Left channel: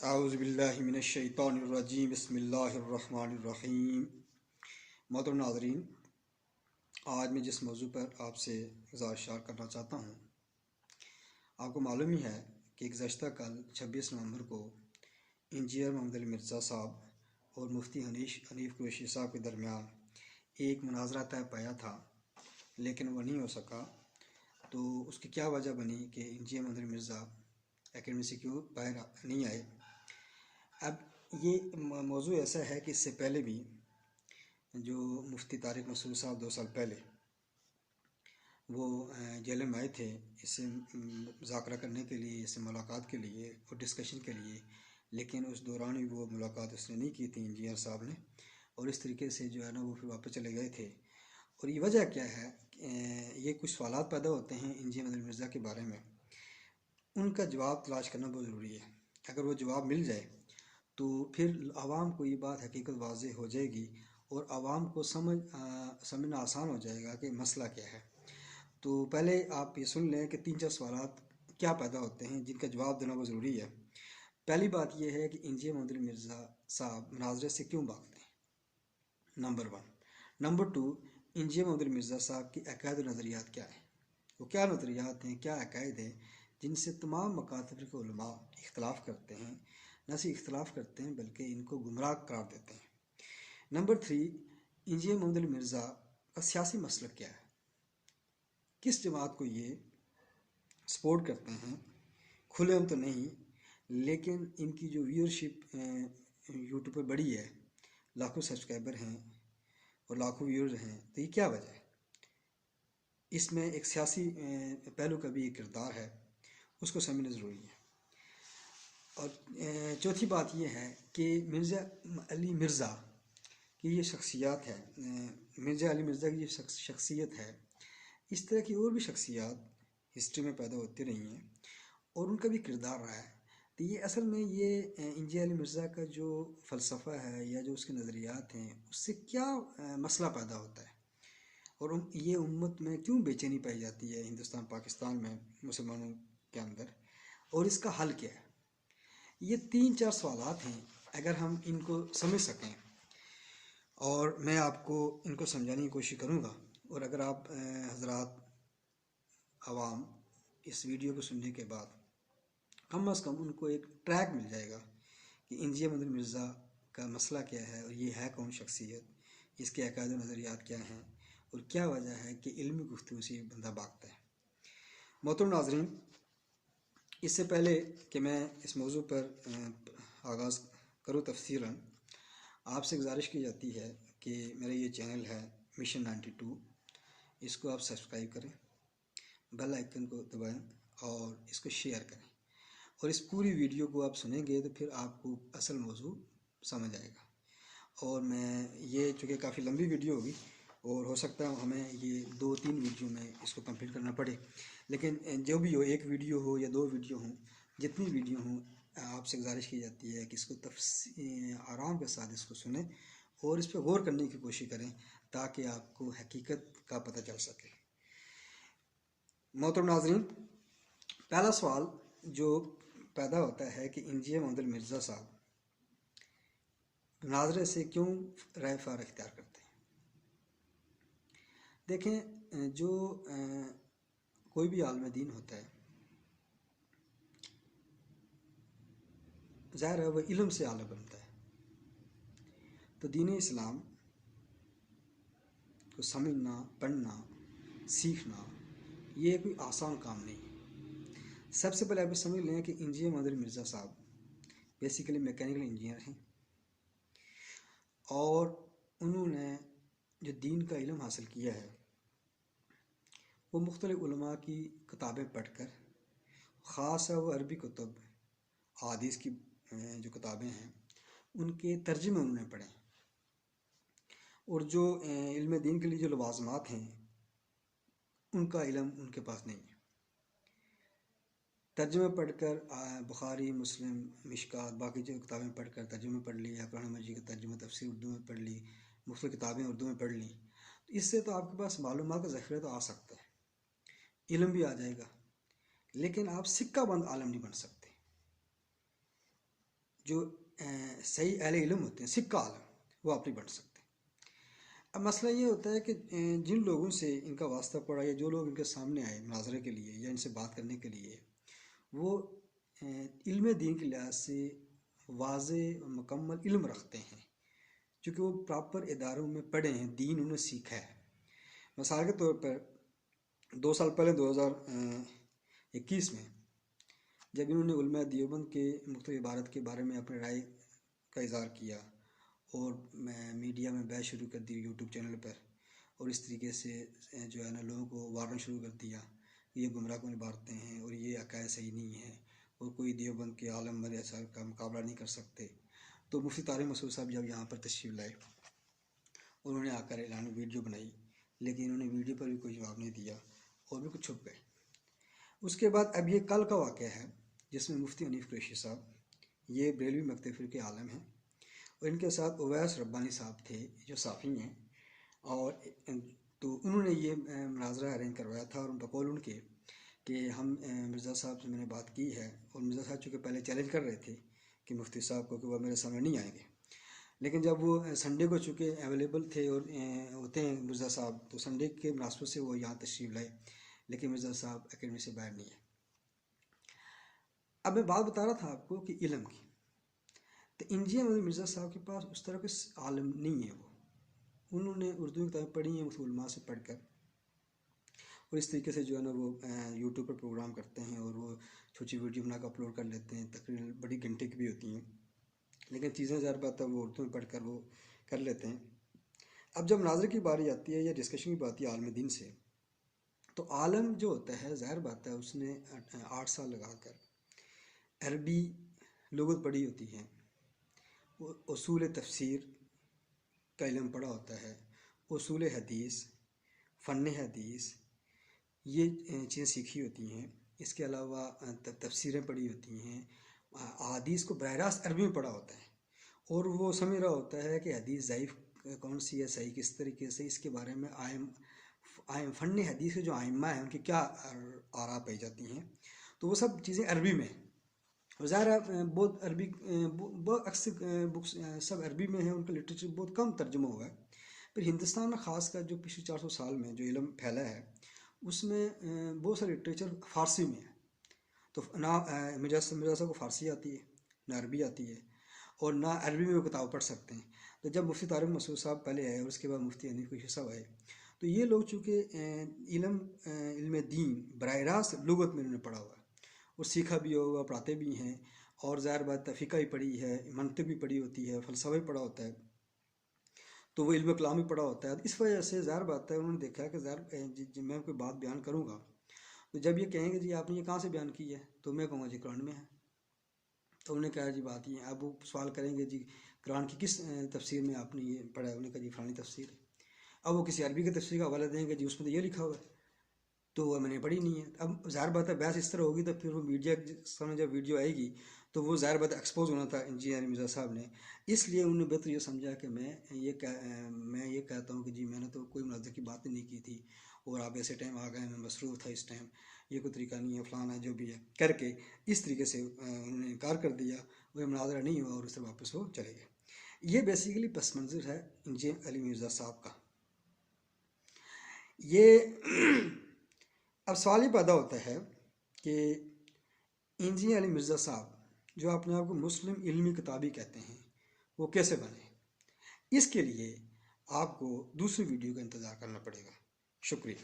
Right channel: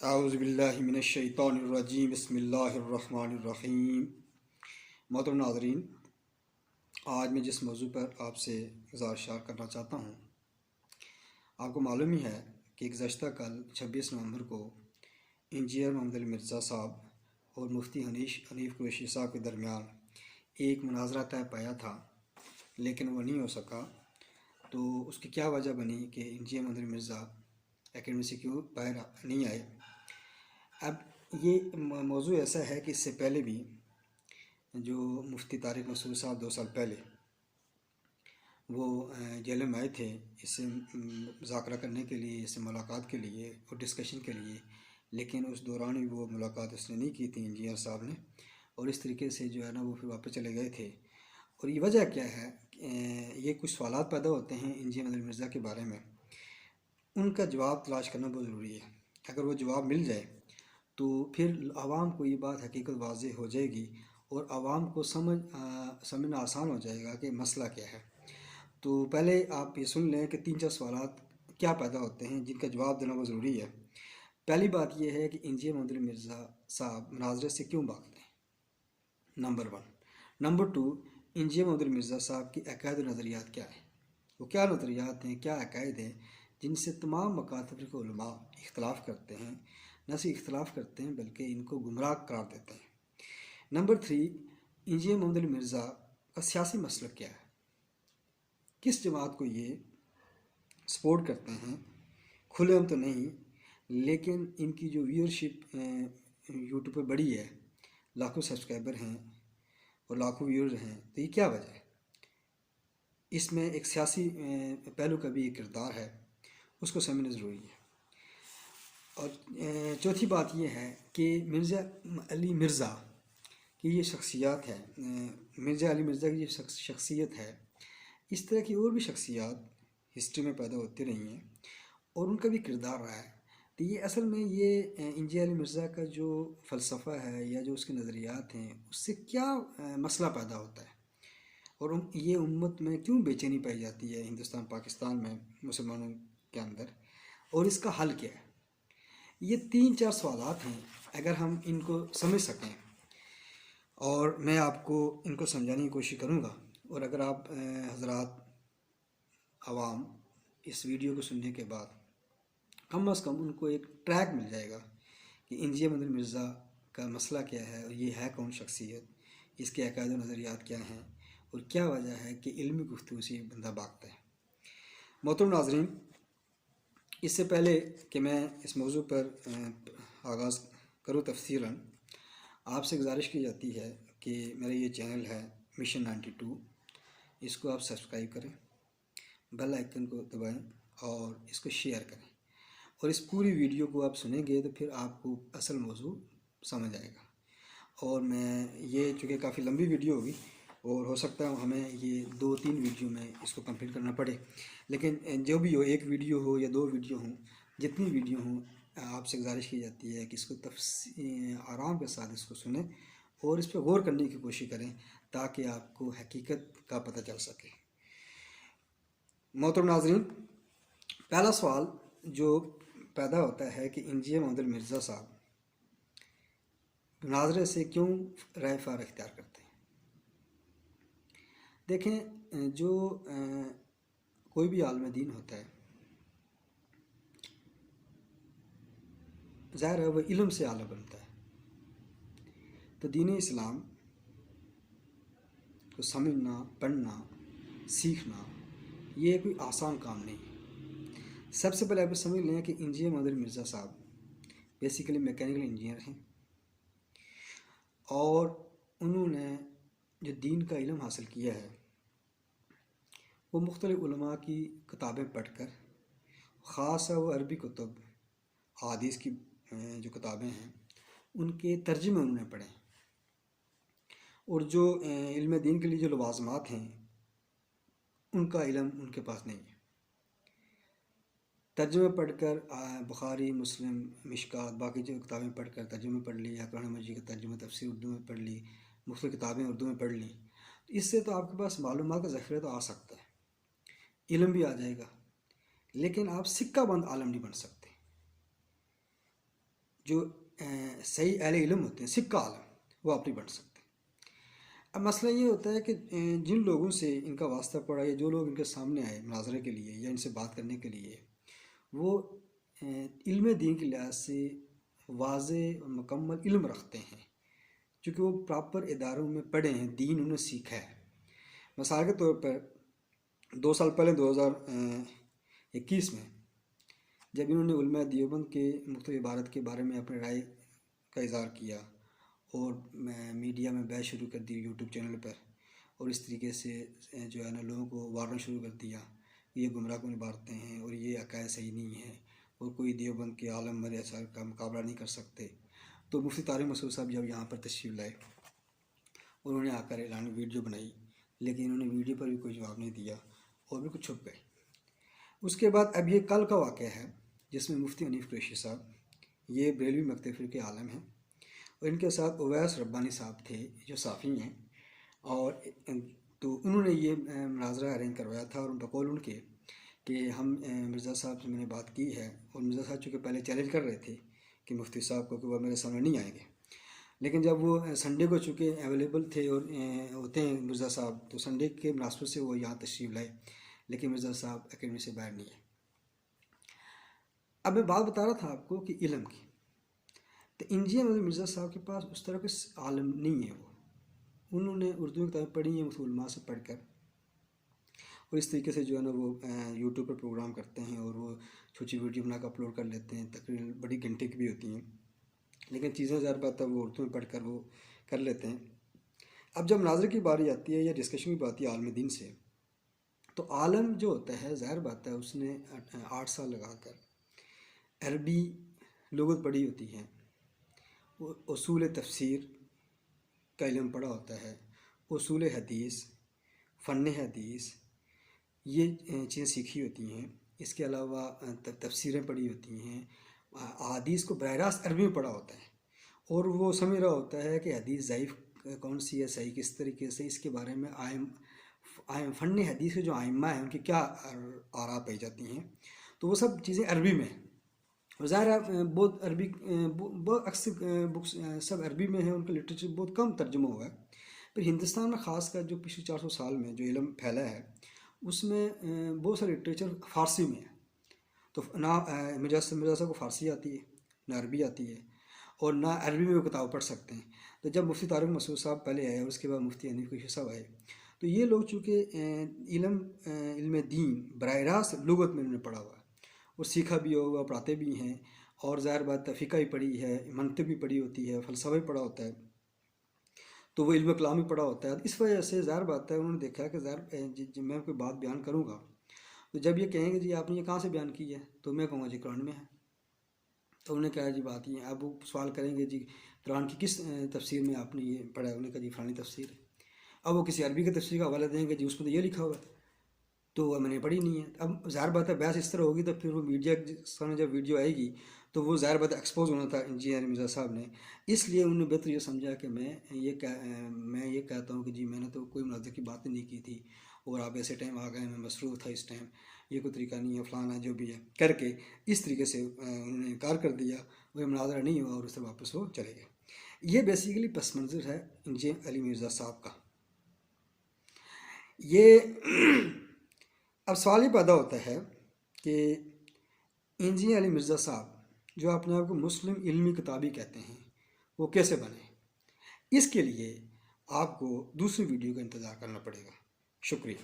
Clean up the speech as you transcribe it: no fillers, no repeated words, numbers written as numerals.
اعوذ باللہ من الشیطان الرجیم بسم اللہ الرحمن الرحیم۔ محترم ناظرین، آج میں جس موضوع پر آپ سے گزارش کرنا چاہتا ہوں، آپ کو معلوم ہی ہے کہ گزشتہ کل 26 نومبر کو انجینئر محمد علی مرزا صاحب اور مفتی حنیف قریشی صاحب کے درمیان ایک مناظرہ طے پایا تھا، لیکن وہ نہیں ہو سکا۔ تو اس کی کیا وجہ بنی کہ انجینئر محمد علی مرزا اکیڈمی سے کیوں باہر نہیں آئے؟ اب یہ موضوع ایسا ہے کہ اس سے پہلے بھی جو مفتی طارق مسعود صاحب 2 سال پہلے وہ جیل میں آئے تھے، اس سے مذاکرہ کرنے کے لیے، اس سے ملاقات کے لیے اور ڈسکشن کے لیے، لیکن اس دوران بھی وہ ملاقات اس نے نہیں کی تھی انجینئر صاحب نے، اور اس طریقے سے جو ہے نا وہ پھر واپس چلے گئے تھے۔ اور یہ وجہ کیا ہے؟ یہ کچھ سوالات پیدا ہوتے ہیں انجینئر محمد علی مرزا کے بارے میں، ان کا جواب تلاش کرنا بہت ضروری ہے۔ اگر وہ جواب مل جائے تو پھر عوام کو یہ بات حقیقت واضح ہو جائے گی اور عوام کو سمجھنا آسان ہو جائے گا کہ مسئلہ کیا ہے۔ تو پہلے آپ یہ سن لیں کہ 3-4 سوالات کیا پیدا ہوتے ہیں جن کا جواب دینا بہت ضروری ہے۔ پہلی بات یہ ہے کہ انجینئر محمد علی مرزا صاحب مناظرے سے کیوں بھاگتے ہیں، نمبر 1۔ نمبر 2، انجینئر محمد علی مرزا صاحب کی عقائد و نظریات کیا ہیں؟ وہ کیا نظریات ہیں، کیا عقائد ہیں جن سے تمام مکاتب کے علماء اختلاف کرتے ہیں، نہ صرف اختلاف کرتے ہیں بلکہ ان کو گمراہ قرار دیتے ہیں۔ نمبر 3، انجینئر محمد علی مرزا کا سیاسی مسلک کیا ہے، کس جماعت کو یہ سپورٹ کرتے ہیں؟ کھلے ہم تو نہیں، لیکن ان کی جو ویورشپ یوٹیوب پر بڑی ہے، لاکھوں سبسکرائبر ہیں اور لاکھوں ویورز ہیں، تو یہ کیا وجہ ہے؟ اس میں ایک سیاسی پہلو کا بھی ایک کردار ہے، اس کو سمجھنا ضروری ہے۔ اور چوتھی بات یہ ہے کہ مرزا علی مرزا کی یہ شخصیات ہے، مرزا علی مرزا کی یہ شخصیت ہے، اس طرح کی اور بھی شخصیات ہسٹری میں پیدا ہوتی رہی ہیں اور ان کا بھی کردار رہا ہے۔ تو یہ اصل میں یہ انجینئر علی مرزا کا جو فلسفہ ہے یا جو اس کے نظریات ہیں، اس سے کیا مسئلہ پیدا ہوتا ہے اور یہ امت میں کیوں بے چینی پائی جاتی ہے، ہندوستان پاکستان میں مسلمانوں کے اندر، اور اس کا حل کیا ہے؟ یہ 3-4 سوالات ہیں، اگر ہم ان کو سمجھ سکیں اور میں آپ کو ان کو سمجھانے کی کوشش کروں گا، اور اگر آپ حضرات عوام اس ویڈیو کو سننے کے بعد کم از کم ان کو ایک ٹریک مل جائے گا کہ انجینئر محمد علی مرزا کا مسئلہ کیا ہے اور یہ ہے کون شخصیت، اس کے عقائد و نظریات کیا ہیں اور کیا وجہ ہے کہ علمی گفتگو سے یہ بندہ بھاگتا ہے۔ محترم ناظرین، اس سے پہلے کہ میں اس موضوع پر آغاز کروں تفصیلاً، آپ سے گزارش کی جاتی ہے کہ میرا یہ چینل ہے مشن 92، اس کو آپ سبسکرائب کریں، بیل آئیکن کو دبائیں اور اس کو شیئر کریں، اور اس پوری ویڈیو کو آپ سنیں گے تو پھر آپ کو اصل موضوع سمجھ آئے گا۔ اور میں یہ چونکہ کافی لمبی ویڈیو ہوگی اور ہو سکتا ہے ہمیں یہ 2-3 ویڈیو میں اس کو کمپلیٹ کرنا پڑے، لیکن جو بھی ہو، 1 ویڈیو ہو یا 2 ویڈیو ہوں، جتنی ویڈیو ہوں، آپ سے گزارش کی جاتی ہے کہ اس کو آرام کے ساتھ اس کو سنیں اور اس پہ غور کرنے کی کوشش کریں تاکہ آپ کو حقیقت کا پتہ چل سکے۔ محترم ناظرین، پہلا سوال جو پیدا ہوتا ہے کہ انجینئر محمد علی مرزا صاحب مناظرے سے کیوں رائے فار اختیار کرتے ہیں؟ دیکھیں، جو کوئی بھی عالم دین ہوتا ہے، ظاہر ہے وہ علم سے اعلیٰ بنتا ہے، تو دین اسلام کو سمجھنا، پڑھنا، سیکھنا یہ کوئی آسان کام نہیں ہے۔ سب سے پہلے آپ سمجھ لیں کہ انجینئر محمد علی مرزا صاحب بیسیکلی میکینیکل انجینئر ہیں، اور انہوں نے جو دین کا علم حاصل کیا ہے وہ مختلف علماء کی کتابیں پڑھ کر، خاص وہ عربی کتب، حدیث کی جو کتابیں ہیں ان کے ترجمے انہوں نے پڑھے، اور جو علم دین کے لیے جو لوازمات ہیں ان کا علم ان کے پاس نہیں ہے۔ ترجمے پڑھ کر بخاری، مسلم، مشکات، باقی جو کتابیں پڑھ کر ترجمے پڑھ لی، یا قرآن مجید کا ترجمہ تفسیر اردو میں پڑھ لی، مختلف کتابیں اردو میں پڑھ لی، اس سے تو آپ کے پاس معلومات کا ذخیرہ تو آ سکتا ہے، علم بھی آ جائے گا، لیکن آپ سکہ بند عالم نہیں بن سکتے۔ جو صحیح اہل علم ہوتے ہیں، سکہ عالم، وہ آپ نہیں بن سکتے۔ اب مسئلہ یہ ہوتا ہے کہ جن لوگوں سے ان کا واسطہ پڑا یا جو لوگ ان کے سامنے آئے مناظرے کے لیے یا ان سے بات کرنے کے لیے، وہ علم دین کے لحاظ سے واضح اور مکمل علم رکھتے ہیں، چونکہ وہ پراپر اداروں میں پڑھے ہیں، دین انہوں نے سیکھا ہے۔ مثال کے طور پر 2 سال پہلے 2021 میں جب انہوں نے علماء دیوبند کے مختلف عبارت کے بارے میں اپنی رائے کا اظہار کیا اور میڈیا میں بحث شروع کر دی یوٹیوب چینل پر، اور اس طریقے سے جو ہے نا لوگوں کو وارنا شروع کر دیا کہ یہ گمراہ کن عبارتیں ہیں اور یہ عقائد صحیح نہیں ہیں اور کوئی دیوبند کے عالم مر اثر کا مقابلہ نہیں کر سکتے، تو مفتی طارق مسعود صاحب جب یہاں پر تشریف لائے، انہوں نے آ کر اعلان ویڈیو بنائی، لیکن انہوں نے ویڈیو پر بھی کوئی جواب نہیں دیا اور بالکل چھپ گئے۔ اس کے بعد اب یہ کل کا واقعہ ہے جس میں مفتی حنیف قریشی صاحب، یہ بریلوی مکتب فقہ کے عالم ہیں، اور ان کے ساتھ اویس ربانی صاحب تھے جو صافی ہیں، اور تو انہوں نے یہ مناظرہ ارینج کروایا تھا، اور بقول ان کے کہ ہم مرزا صاحب سے میں نے بات کی ہے، اور مرزا صاحب چونکہ پہلے چیلنج کر رہے تھے کہ مفتی صاحب کو کہ وہ میرے سامنے نہیں آئیں گے، لیکن جب وہ سنڈے کو چونکہ اویلیبل تھے اور ہوتے ہیں مرزا صاحب، تو سنڈے کے مناسبت سے وہ یہاں تشریف لائے، لیکن مرزا صاحب اکیڈمی سے باہر نہیں ہے۔ اب میں بات بتا رہا تھا آپ کو کہ علم کی، تو انجینئر مرزا صاحب کے پاس اس طرح کے عالم نہیں ہے، انہوں نے اردو کی کتابیں پڑھی ہیں مختلف علماء سے پڑھ کر، اور اس طریقے سے جو ہے نا وہ یوٹیوب پر پروگرام کرتے ہیں اور وہ چھوٹی ویڈیو بنا کر اپلوڈ کر لیتے ہیں، تقریباً بڑی گھنٹے کی بھی ہوتی ہیں، لیکن چیزیں ظاہر بات ہے وہ اردو میں پڑھ کر وہ کر لیتے ہیں۔ اب جب مناظرے کی باری آتی ہے یا ڈسکشن کی بات آتی ہے عالم دین سے، تو عالم جو ہوتا ہے ظاہر بات ہے اس نے 8 سال لگا کر عربی لغت پڑھی ہوتی ہے، اصول تفسیر کا علم پڑھا ہوتا ہے، اصول حدیث، فن حدیث، یہ چیزیں سیکھی ہوتی ہیں۔ اس کے علاوہ تفسیریں پڑھی ہوتی ہیں، احادیث کو براہ راست عربی میں پڑھا ہوتا ہے، اور وہ سمجھ رہا ہوتا ہے کہ حدیث ضعیف کون سی ہے، صحیح کس طریقے سے، اس کے بارے میں فن حدیث کے جو ائمہ ہیں ان کی کیا آراء پائی جاتی ہیں، تو وہ سب چیزیں عربی میں ہیں، اور ظاہر ہے بہت عربی بہت اکثر بکس سب عربی میں ہیں، ان کا لٹریچر بہت کم ترجمہ ہوا ہے۔ پھر ہندوستان میں خاص کر جو پچھلے 400 سال میں جو علم پھیلا ہے اس میں بہت سارا لٹریچر فارسی میں ہے، تو نہ مرزا صاحب کو فارسی آتی ہے، نہ عربی آتی ہے، اور نہ عربی میں وہ کتاب پڑھ سکتے ہیں۔ تو جب مفتی طارق مسعود صاحب پہلے آئے اور اس کے بعد مفتی حنیف قریشی صاحب آئے، تو یہ لوگ چونکہ علم دین براہ راست لغت میں انہوں نے پڑھا ہوا ہے اور سیکھا بھی ہوا، پڑھاتے بھی ہیں، اور ظاہر بات فقہ بھی پڑھی ہے، منطق بھی پڑھی ہوتی ہے، فلسفہ بھی پڑھا ہوتا ہے، تو وہ علم کلام بھی پڑھا ہوتا ہے۔ اس وجہ سے ظاہر بات ہے انہوں نے دیکھا کہ جب میں کوئی بات بیان کروں گا تو جب یہ کہیں گے جی آپ نے یہ کہاں سے بیان کی ہے، تو میں کہوں گا جی قرآن میں ہے، تو انہوں نے کہا جی بات یہ ہے۔ اب وہ سوال کریں گے جی قرآن کی کس تفسیر میں آپ نے یہ پڑھا ہے، انہوں نے کہا جی فلانی تفسیر ہے۔ اب وہ کسی عربی کی تفسیر کا حوالہ دیں گے جی اس میں تو یہ لکھا ہوا ہے، تو وہ میں نے پڑھی نہیں ہے۔ اب ظاہر بات ہے بحث اس طرح ہوگی تو پھر وہ میڈیا سامنے جب ویڈیو آئے گی تو وہ ظاہر بات ایکسپوز ہونا تھا انجینئر مرزا صاحب نے، اس لیے انہوں نے بہتر یہ سمجھا کہ میں یہ کہتا ہوں کہ جی میں نے تو کوئی مناظرے کی بات نہیں کی تھی، اور آپ ایسے ٹائم آ گئے، میں مصروف تھا اس ٹائم، یہ کوئی طریقہ نہیں ہے، فلانا جو بھی ہے کر کے اس طریقے سے انہوں نے انکار کر دیا، وہ مناظرہ نہیں ہوا اور اس سے واپس وہ چلے گئے۔ یہ بیسیکلی پس منظر ہے انجینئر علی مرزا صاحب کا۔ یہ اب سوال یہ پیدا ہوتا ہے کہ انجینئر علی مرزا صاحب جو اپنے آپ کو مسلم علمی کتابی کہتے ہیں وہ کیسے بنے؟ اس کے لیے آپ کو دوسری ویڈیو کا انتظار کرنا پڑے گا۔ شکریہ۔